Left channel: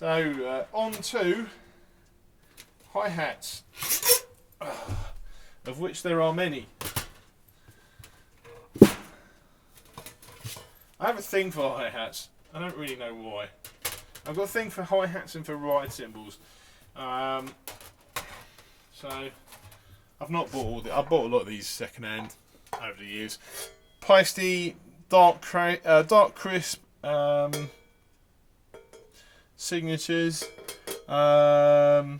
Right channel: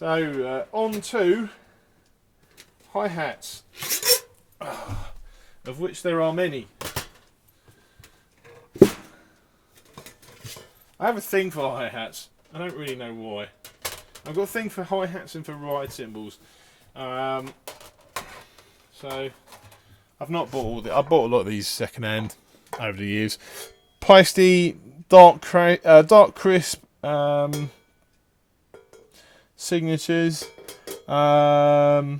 So on to hi-hats, of which there are many. I have a thing for hi-hats. I don't really know why. I've got a thing for hi-hats and for ride cymbals. So I've not bought all the. I bought a lot of these second-hand over the years. Peisty, dark crisp signatures. I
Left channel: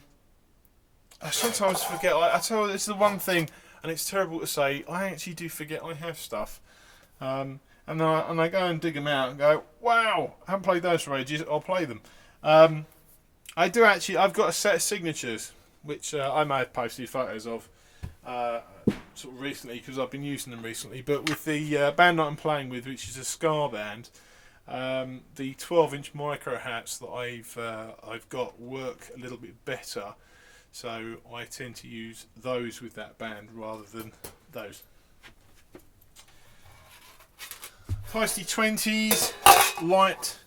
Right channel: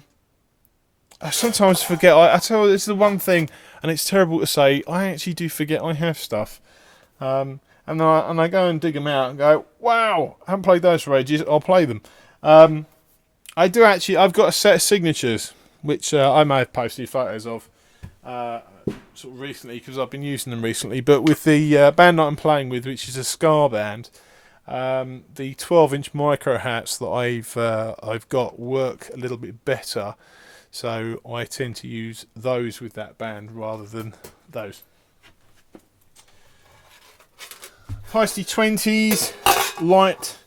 sometimes forget. I tell you, it's the one thing, and it's terrible to say. I actually do forget I have stuff. And I go and dig them out and go, wow, I haven't played those for ages. I'll play them. I do actually. I've got a set of signatures, which I may have posted photos of sort of recently because I've been using them recently. But with the band that I'm playing with, which is a ska band, the 12-inch micro hats that I've got work a little bit better. So I tend to use those with that band rather than those. Feisty 20s, light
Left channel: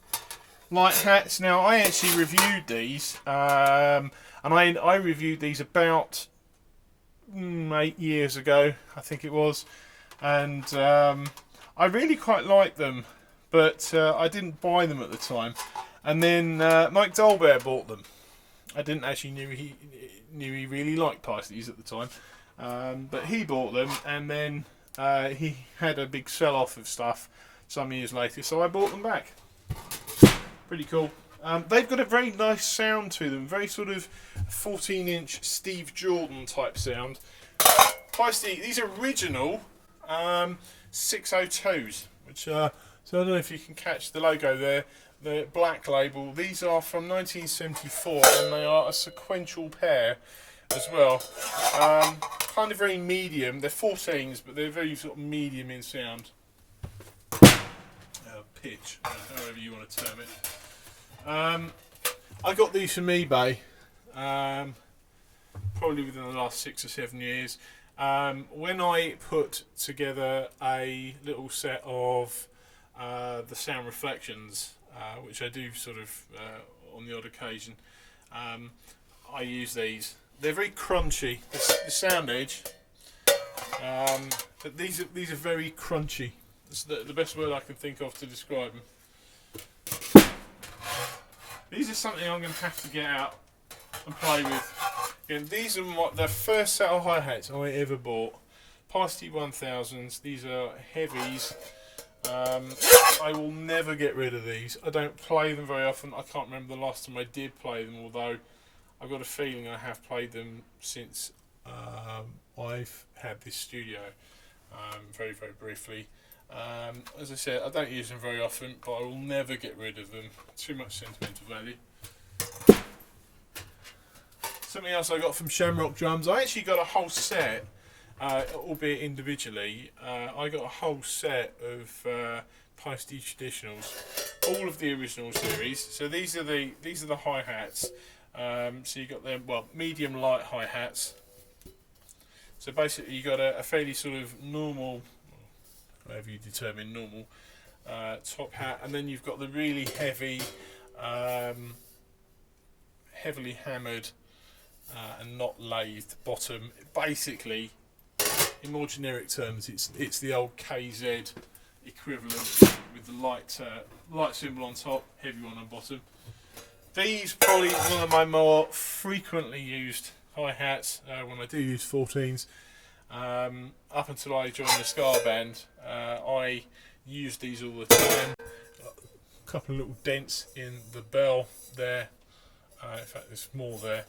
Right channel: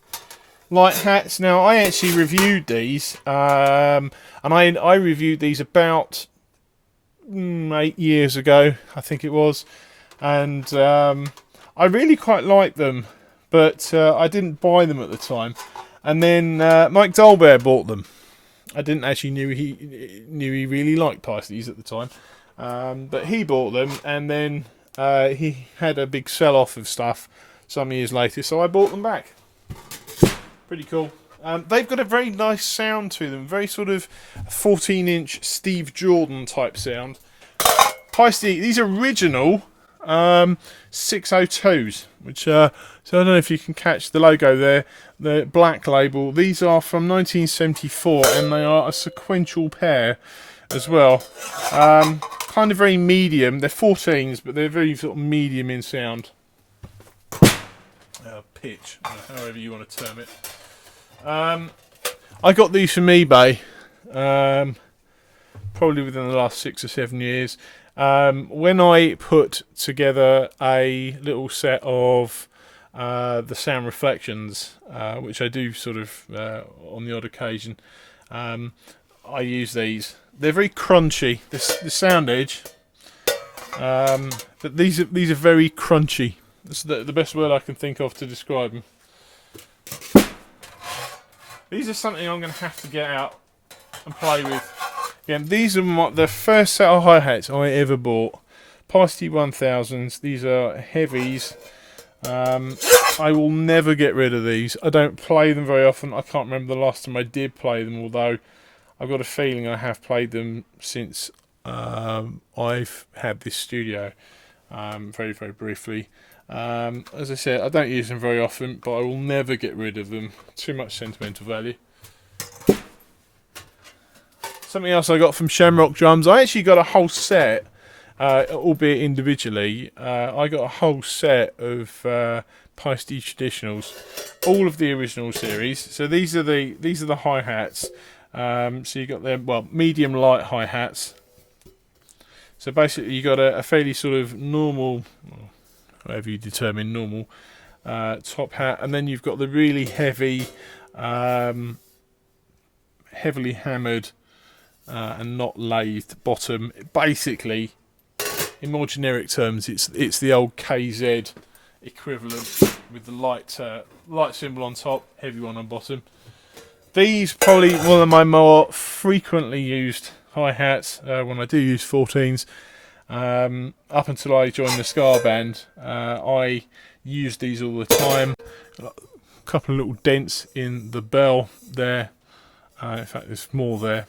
hats. Now I actually reviewed these, and I reviewed these about 8 years ago, I think it was, and I really quite liked them, but I didn't buy them at the time. And then Mike Dolbear bought them. I didn't actually knew he really liked Feisties at the time, but he bought them, and then he had a big sell-off of stuff some years later, so I bought them back. Pretty cool. They've got a very nice sound to them, very sort of 14-inch Steve Jordan type sound. Feisty, these original 602s, which so I don't know if you can catch the logo there, the black label. These are from 1974, and they are a sequential pair as well. Kind of very medium. They're 14s, but they're very sort of medium in sound. Pitch, however you want to term it. I got these from eBay, probably within the last 6 or 7 years. When I put together a little set of the sound reflections, which I do sort of on the odd occasion, I use these. They're very crunchy. The sound edge, but these are very crunchy. That's the best word I can think of to describe them. These are something I'm going to have to get out and play with. Again, these are the first set of hi-hats I ever bought. Feisty 1000s. These are heavies. I will never get rid of these. I don't play them very often. I can't remember the last time I did play them, although I've got a feeling I have played them since I've had this studio, very, very briefly. As I said, I don't use them very often, but I will never get rid of them. Too much sentimental value. Something else I got from Shamrock Drums. I actually got a whole set, albeit individually. I got a whole set of Feisty Traditionals, all of the original series. So these are the hi-hats. So you got them, well, medium light hi-hats. So basically you got a fairly sort of normal, whatever you determine normal, top hat, and then you've got the really heavy, heavily hammered and not lathed bottom. Basically, in more generic terms, it's the old KZ equivalent with the light cymbal on top, heavy one on bottom. These probably one of my more frequently used hi-hats when I do use 14s. Up until I joined the ska band, I used these all the time. A couple of little dents in the bell there. In fact, there's more there.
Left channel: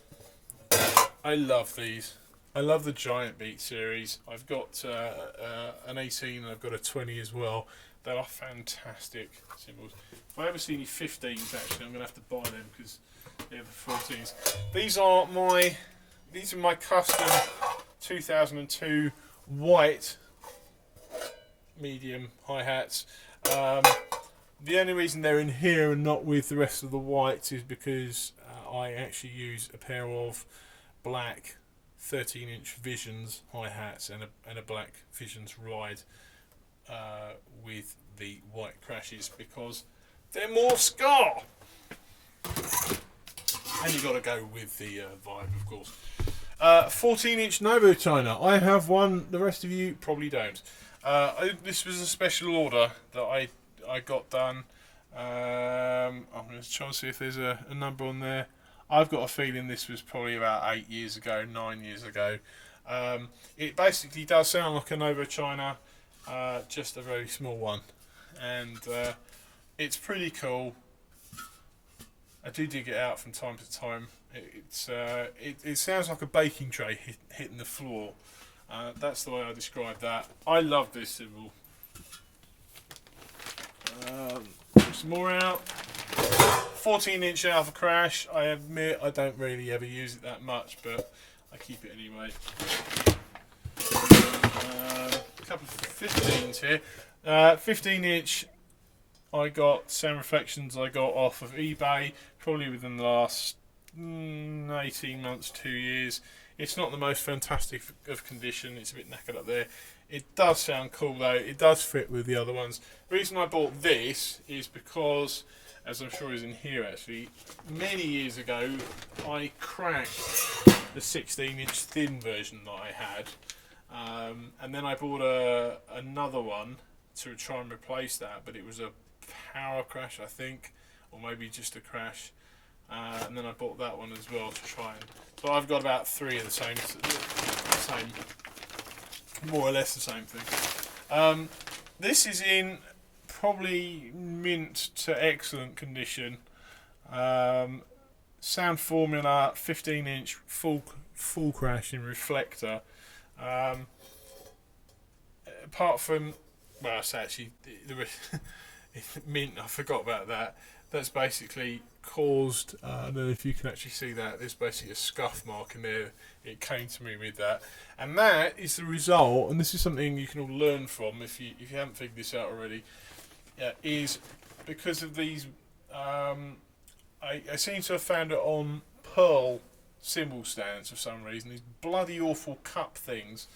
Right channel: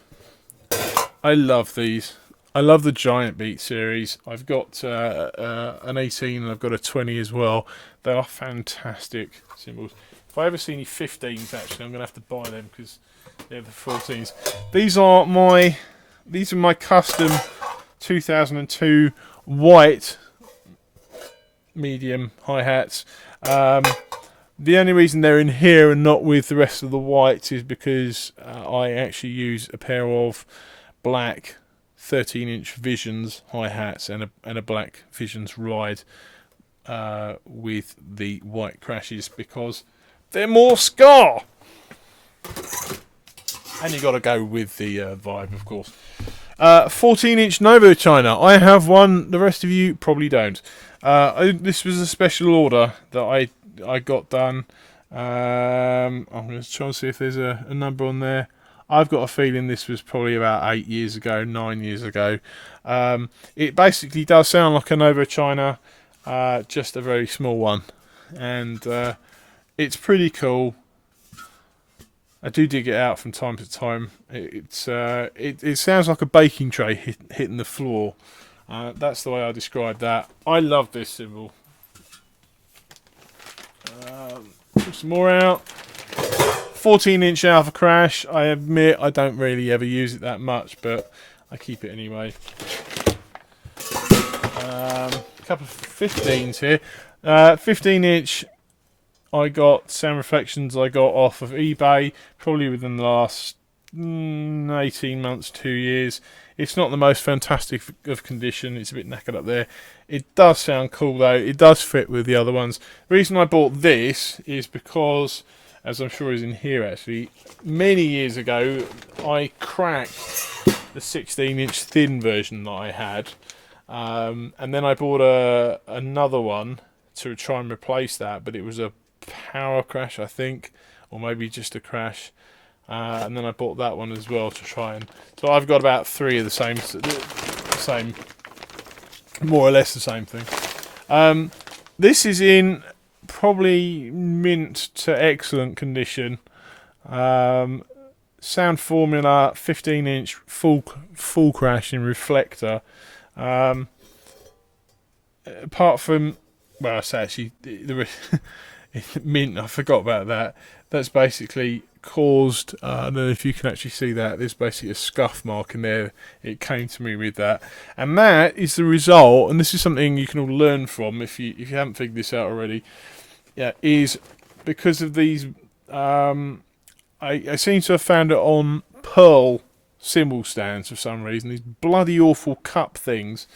I love these. I love the Giant Beat series. I've got an 18 and I've got a 20 as well. They are fantastic cymbals. If I ever see any 15s, actually, I'm going to have to buy them because they're the 14s. These are my custom 2002 white medium hi-hats. The only reason they're in here and not with the rest of the whites is because I actually use a pair of black 13-inch Visions hi-hats and a black Visions ride with the white crashes because they're more ska. And you got to go with the vibe, of course. 14-inch Novo China. I have one. The rest of you probably don't. This was a special order that I got done. I'm going to try and see if there's a number on there. I've got a feeling this was probably about 8 years ago, 9 years ago. It basically does sound like a Novo China, just a very small one, and it's pretty cool. I do dig it out from time to time. It sounds like a baking tray hitting the floor. That's the way I describe that. I love this cymbal. Put some more out. 14-inch Alpha Crash. I admit I don't really ever use it that much, but I keep it anyway. A couple of 15s here. 15-inch. I got Sound Reflections I got off of eBay probably within the last 18 months, 2 years. It's not the most fantastic of condition. It's a bit knackered up there. It does sound cool though. It does fit with the other ones. The reason I bought this is because, as I'm sure is in here actually, many years ago I cracked the 16-inch thin version that I had. And then I bought another one to try and replace that, but it was a power crash, I think, or maybe just a crash, and then I bought that one as well to try and. So I've got about 3 of the same, more or less the same thing. This is in probably mint to excellent condition. Sound Formula 15-inch full crash in reflector. Apart from, well, I say actually the mint, I forgot about that. That's basically caused, I don't know if you can actually see that, there's basically a scuff mark in there. It came to me with that, and that is the result, and this is something you can all learn from if you haven't figured this out already. Yeah, is because of these. I seem to have found it on pearl cymbal stands for some reason. These bloody awful cup things,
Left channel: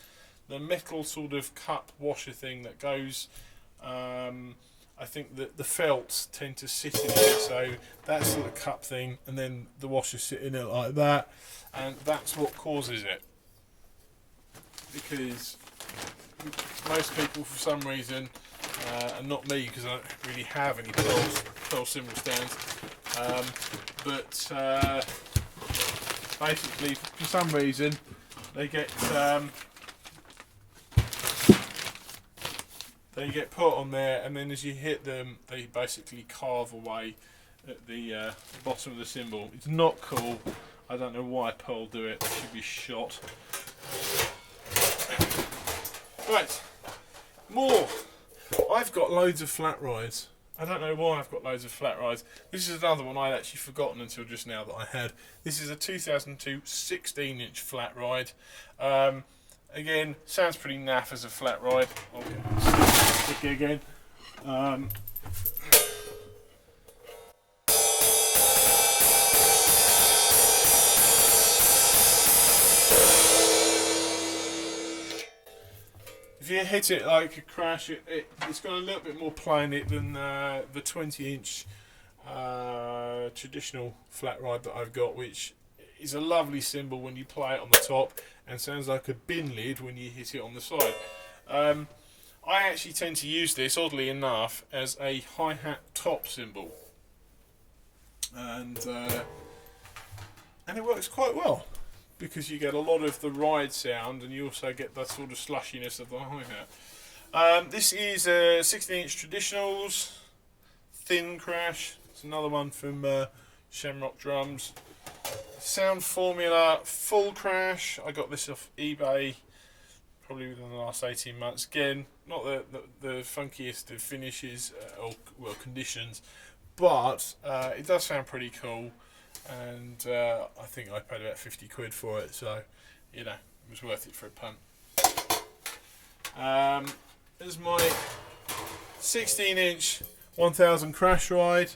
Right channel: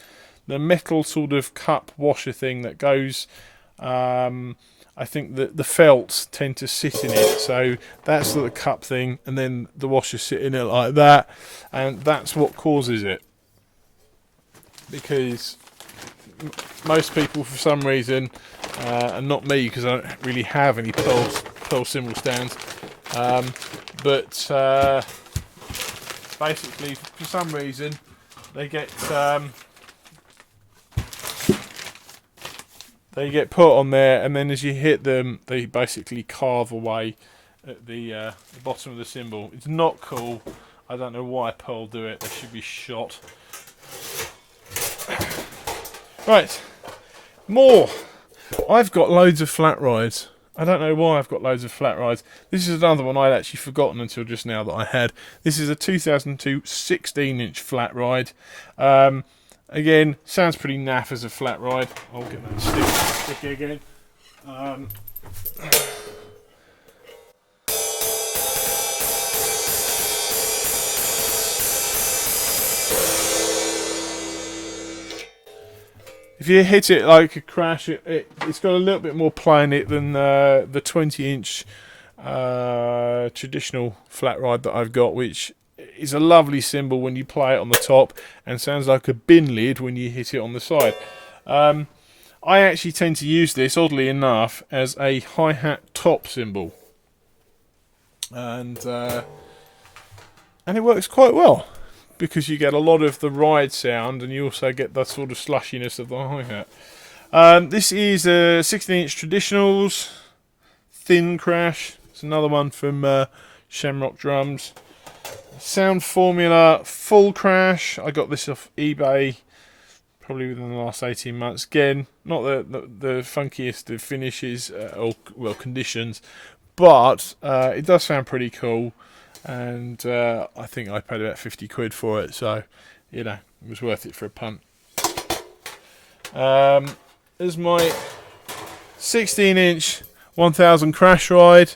the metal sort of cup washer thing that goes. I think that the felts tend to sit in it, so that's the cup thing, and then the washers sit in it like that, and that's what causes it. Because most people, for some reason, and not me, because I don't really have any pearl cymbal stands, but basically, for some reason, they get put on there, and then as you hit them, they basically carve away at the bottom of the cymbal. It's not cool. I don't know why Pearl do it. They should be shot. Right, more. I've got loads of flat rides. I don't know why I've got loads of flat rides. This is another one I'd actually forgotten until just now that I had. This is a 2002 16-inch flat ride. Again, sounds pretty naff as a flat ride. I'll get the stick again. If you hit it like a crash, it's got a little bit more play in it than the 20-inch traditional flat ride that I've got, which is a lovely cymbal when you play it on the top and sounds like a bin lid when you hit it on the side. I actually tend to use this, oddly enough, as a hi-hat top cymbal, and it works quite well because you get a lot of the ride sound and you also get that sort of slushiness of the hi-hat. This is a 16-inch Traditionals thin crash. It's another one from Shamrock Drums. Sound Formula full crash. I got this off eBay probably within the last 18 months. Again, not the funkiest of finishes or conditions, but it does sound pretty cool, and I think I paid about 50 quid for it, so you know, it was worth it for a punt. There's my 16-inch 1000 crash ride.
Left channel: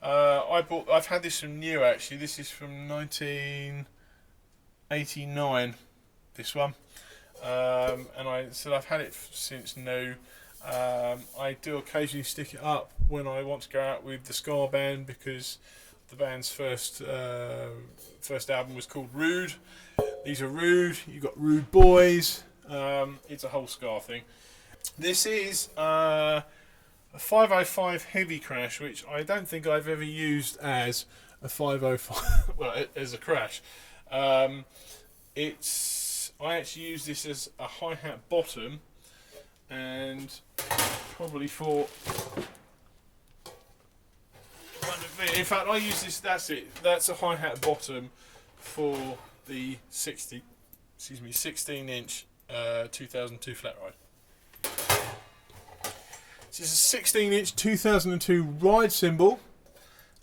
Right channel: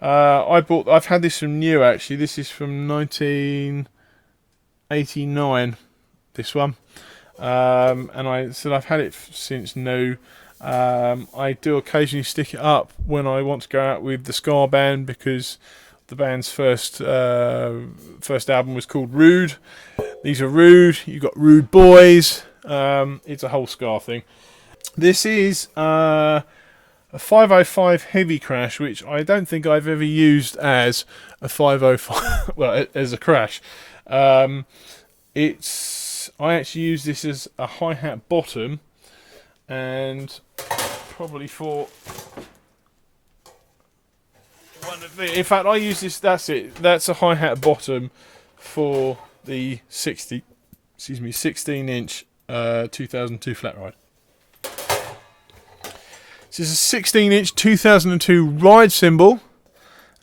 I've had this from new actually. This is from 1989. This one, and I've had it since new. I do occasionally stick it up when I want to go out with the ska band because The band's first album was called Rude. These are Rude. You've got Rude Boys. It's a whole Scar thing. This is a 505 Heavy Crash, which I don't think I've ever used as a 505. Well, as a crash. I actually use this as a hi-hat bottom, and probably for in fact, I use this. That's it. That's a hi-hat bottom for the 16-inch 2002 flat ride. This is a 16-inch 2002 ride cymbal.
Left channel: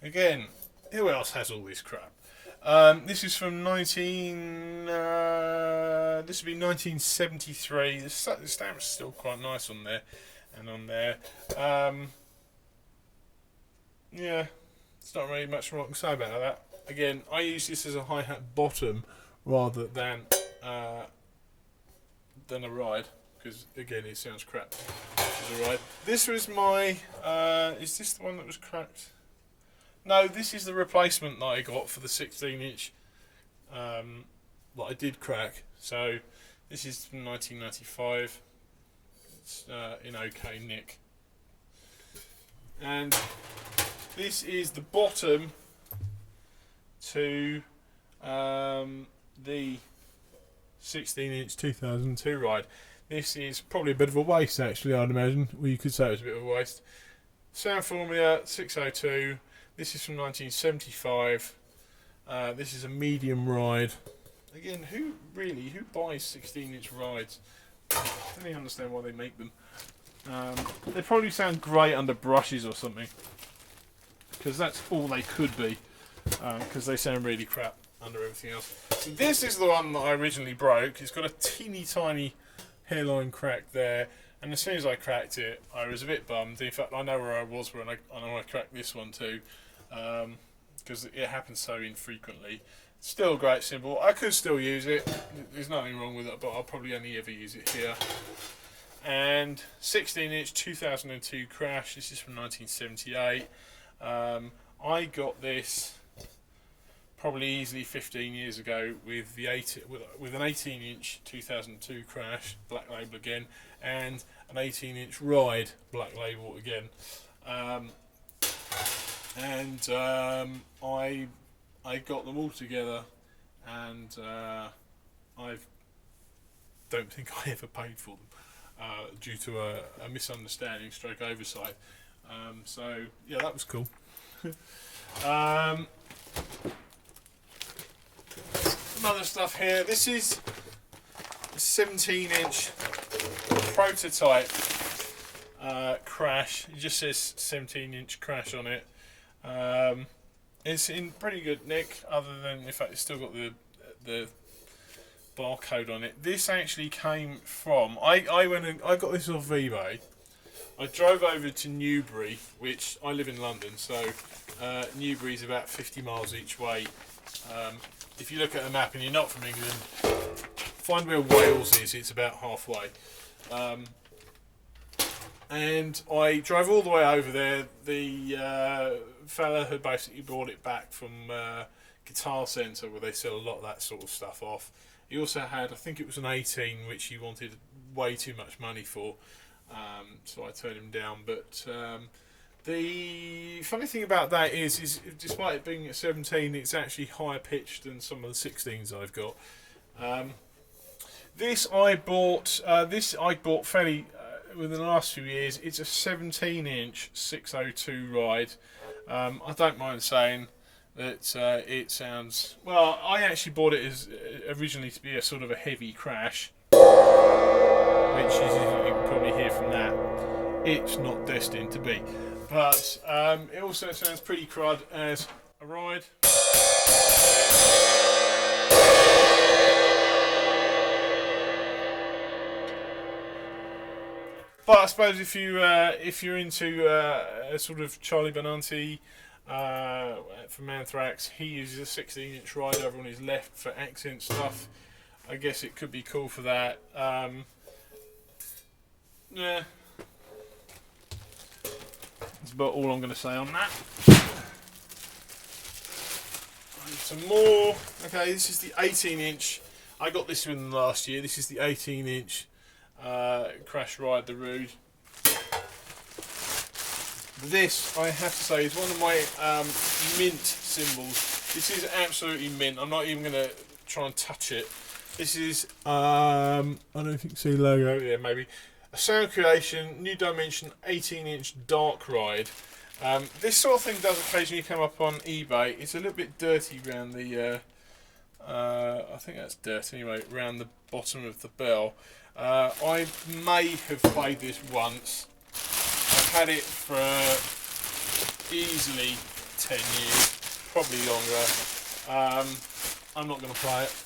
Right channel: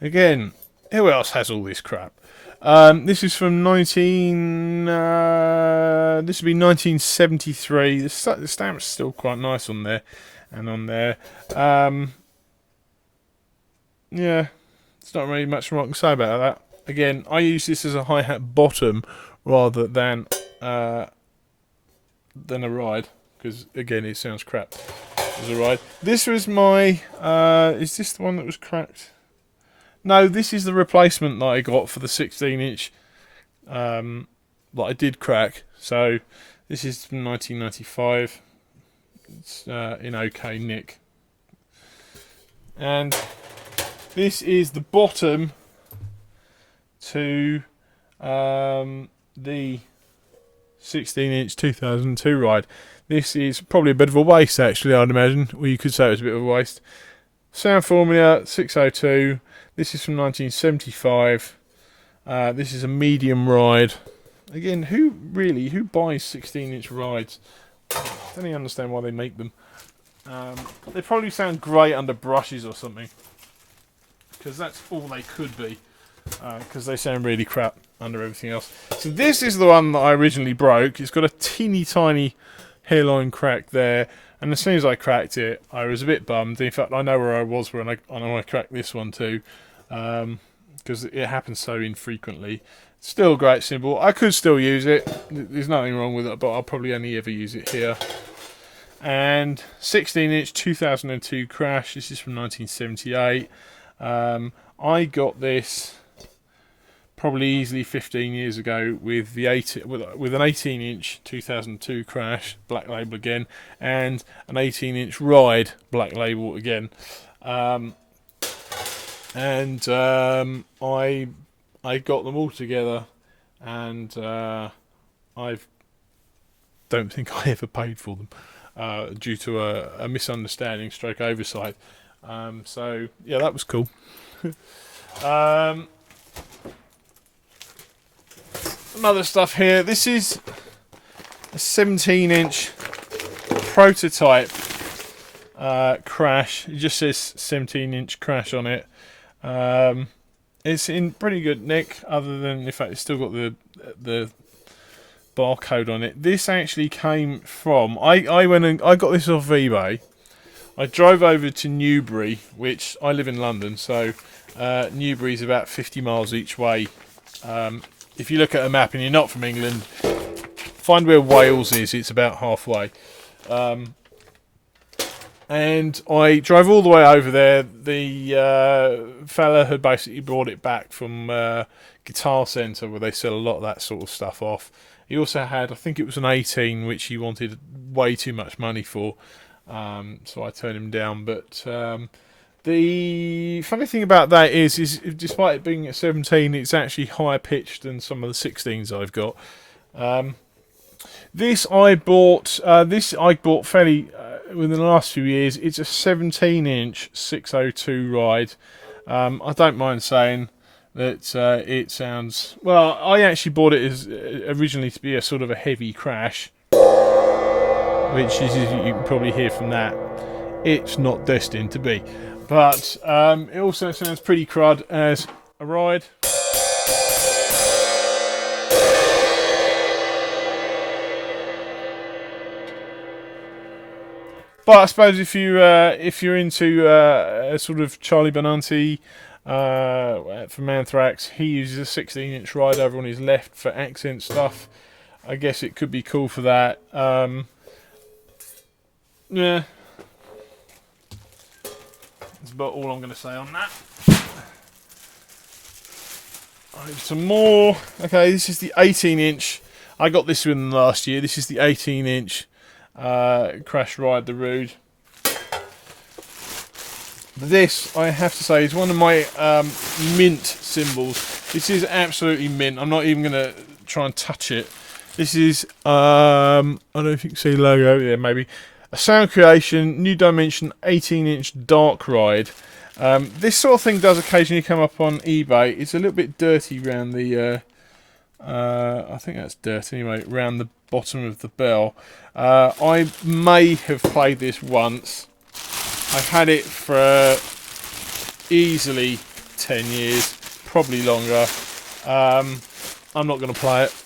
Again, who else has all this crap? This is from this would be 1973. The stamp's still quite nice on there, and on there. Yeah, it's not really much more I can say about that. Again, I use this as a hi-hat bottom rather than a ride, because again, it sounds crap as a ride. This was my. Is this the one that was cracked? No, this is the replacement that I got for the 16-inch that I did crack. So this is from 1995. It's in okay nick. And this is the bottom to the 16-inch 2002 ride. This is probably a bit of a waste, actually, I'd imagine. Well, you could say it was a bit of a waste. Sound Formula 602. This is from 1975. This is a medium ride. Again, who buys 16-inch rides? I don't even understand why they make them. They probably sound great under brushes or something, because that's all they could be, because they sound really crap under everything else. So this is the one that I originally broke. It's got a teeny tiny hairline crack there, and as soon as I cracked it, I was a bit bummed. In fact, I know where I was when I cracked this one too, because it happens so infrequently. Still a great cymbal. I could still use it. There's nothing wrong with it, but I'll probably only ever use it here. And 16-inch 2002 Crash. This is from 1978. I got this probably easily 15 years ago with an 18-inch 2002 Crash, Black Label again, and an 18-inch Ride, Black Label again. I got them all together, and I don't think I ever paid for them due to a misunderstanding stroke oversight. So yeah, that was cool. Some other stuff here. This is a 17-inch prototype Crash. It just says 17-inch Crash on it. It's in pretty good nick, other than the fact it's still got the barcode on it. This actually came from. I went and I got this off eBay. I drove over to Newbury, which I live in London, so Newbury's about 50 miles each way. If you look at a map and you're not from England, find where Wales is. It's about halfway. And I drove all the way over there. The fella had basically brought it back from Guitar Centre, where they sell a lot of that sort of stuff off. He also had, I think it was an 18, which he wanted way too much money for. So I turned him down. But the funny thing about that is despite it being a 17, it's actually higher pitched than some of the 16s I've got. This I bought fairly within the last few years. It's a 17-inch 602 Ride. I don't mind saying that it sounds well. I actually bought it as originally to be a sort of a heavy crash, which is, you can probably hear from that, it's not destined to be. But it also sounds pretty crud as a ride. But I suppose if you're into a sort of Charlie Benanti from Anthrax, he uses a 16-inch ride over on his left for accent stuff. I guess it could be cool for that. Yeah, that's about all I'm going to say on that. Some more. Okay, this is the 18-inch. I got this one last year. This is the 18-inch Crash Ride the Rude. This, I have to say, is one of my mint cymbals. This is absolutely mint. I'm not even going to try and touch it. This is, I don't know if you can see the logo there, maybe. A Sound Creation, New Dimension 18-inch Dark Ride. This sort of thing does occasionally come up on eBay. It's a little bit dirty around the, I think that's dirt anyway, around the bottom of the bell. I may have played this once. I've had it for easily 10 years, probably longer. I'm not going to play it.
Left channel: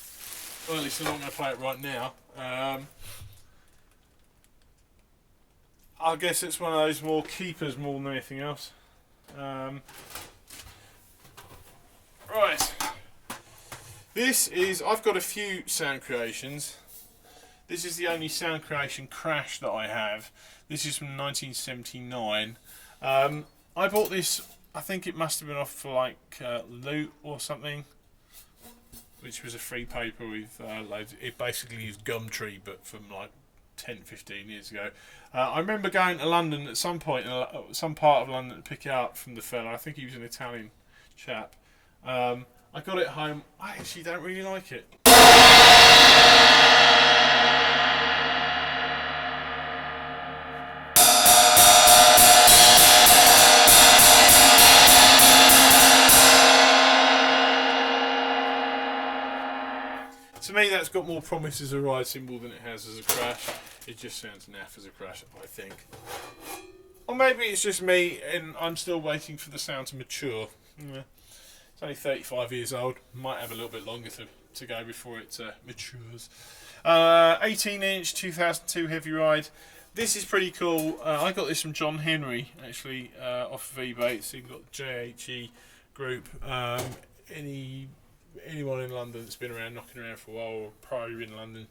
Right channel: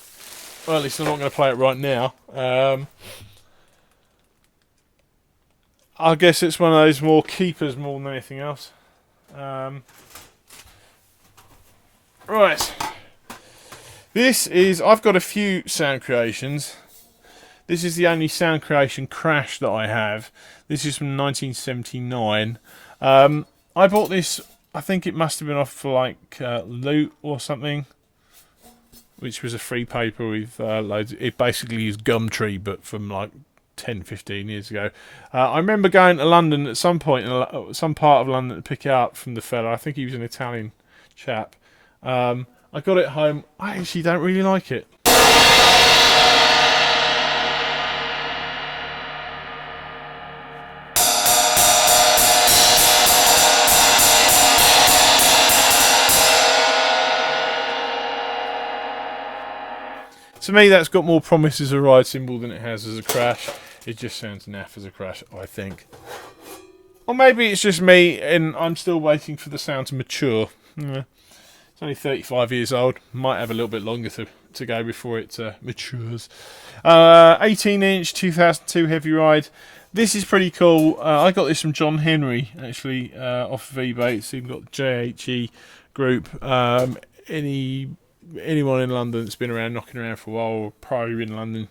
Well, at least I'm not going to play it right now. I guess it's one of those more keepers more than anything else. Right. This is, I've got a few sound creations. This is the only sound creation Crash that I have. This is from 1979. I bought this, I think it must have been off for like Loot or something, which was a free paper with loads. It basically is Gumtree, but from like 10-15 years ago. I remember going to London at some point, in some part of London, to pick it up from the fella. I think he was an Italian chap. I got it home. I actually don't really like it. To me, that's got more promise as a ride cymbal than it has as a Crash. It just sounds naff as a Crash, I think. Or maybe it's just me and I'm still waiting for the sound to mature. It's only 35 years old. Might have a little bit longer to go before it matures. 18-inch 2002 Heavy Ride. This is pretty cool. I got this from John Henry, actually, off of eBay. It's even got JHE Group. Anyone in London that's been around, knocking around for a while, probably in London,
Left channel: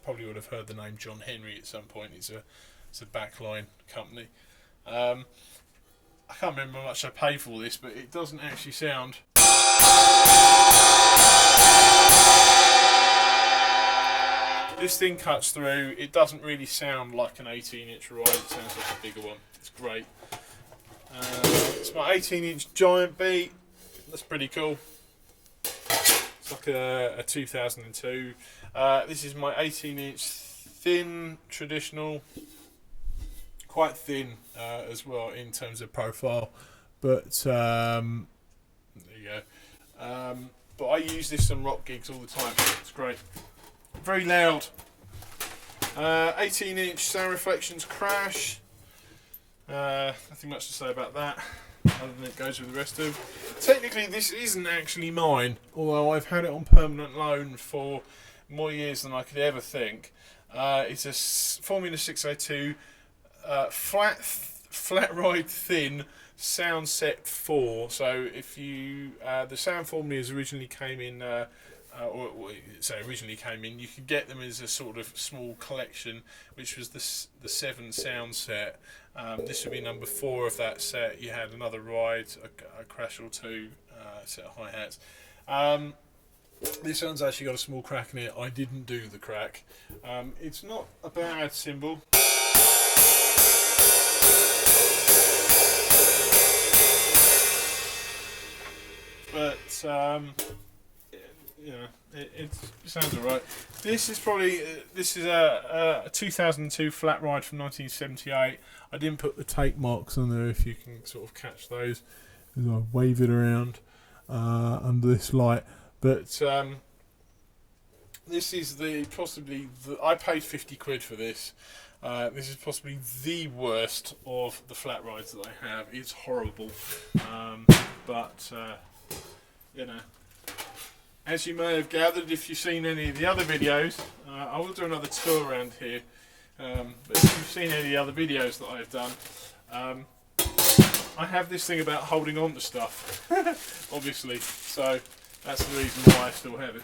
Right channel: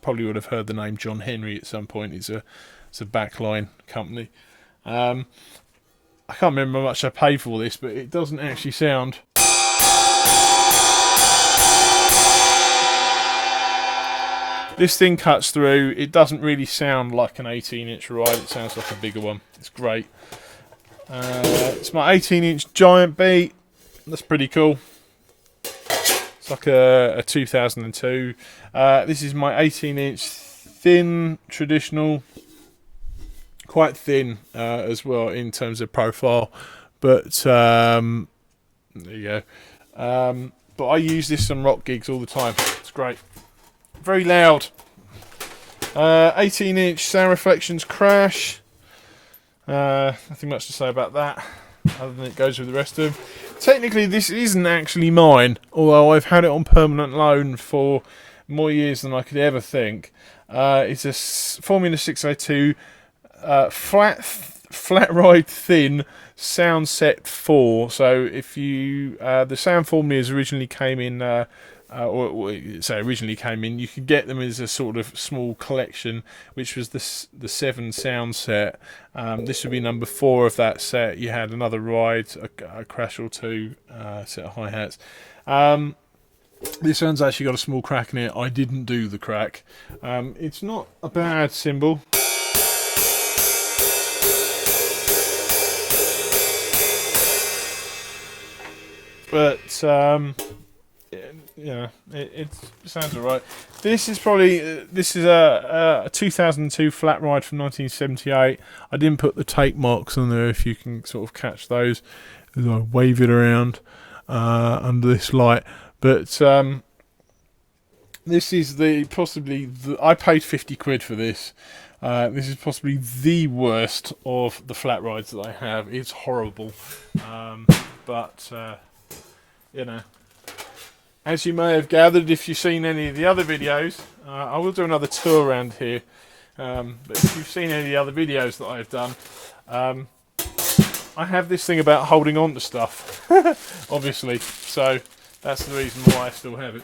probably would have heard the name John Henry at some point. It's a backline company. I can't remember how much I paid for this, but it doesn't actually sound. This thing cuts through. It doesn't really sound like an 18-inch ride. It sounds like a bigger one. It's great. It's my 18-inch Giant Beat. That's pretty cool. It's like a 2002. This is my 18-inch thin traditional, quite thin as well in terms of profile, but there you go. But I use this on rock gigs all the time. It's great. Very loud. 18-inch Sound Reflections Crash. Nothing much to say about that, other than it goes with the rest of them. Technically, this isn't actually mine, although I've had it on permanent loan for more years than I could ever think. It's a Formula 602 flat ride thin sound set 4. So if you the sound formulas originally came in, you could get them as a sort of small collection, which was the 7 sound set. This would be number 4 of that set. You had another ride, a Crash or 2, set of hi-hats. This one's actually got a small crack in it. I didn't do the crack. It's not a bad cymbal. But yeah, it sounds alright. This is probably a 2002 flat ride from 1978. I didn't put the tape marks on there, if you can sort of catch those as I wave it around under this light. But this is I paid 50 quid for this. This is possibly the worst of the flat rides that I have. It's horrible, but you know. As you may have gathered, if you've seen any of the other videos, I will do another tour around here. But if you've seen any of the other videos that I've done, I have this thing about holding on to stuff, obviously. So that's the reason why I still have it.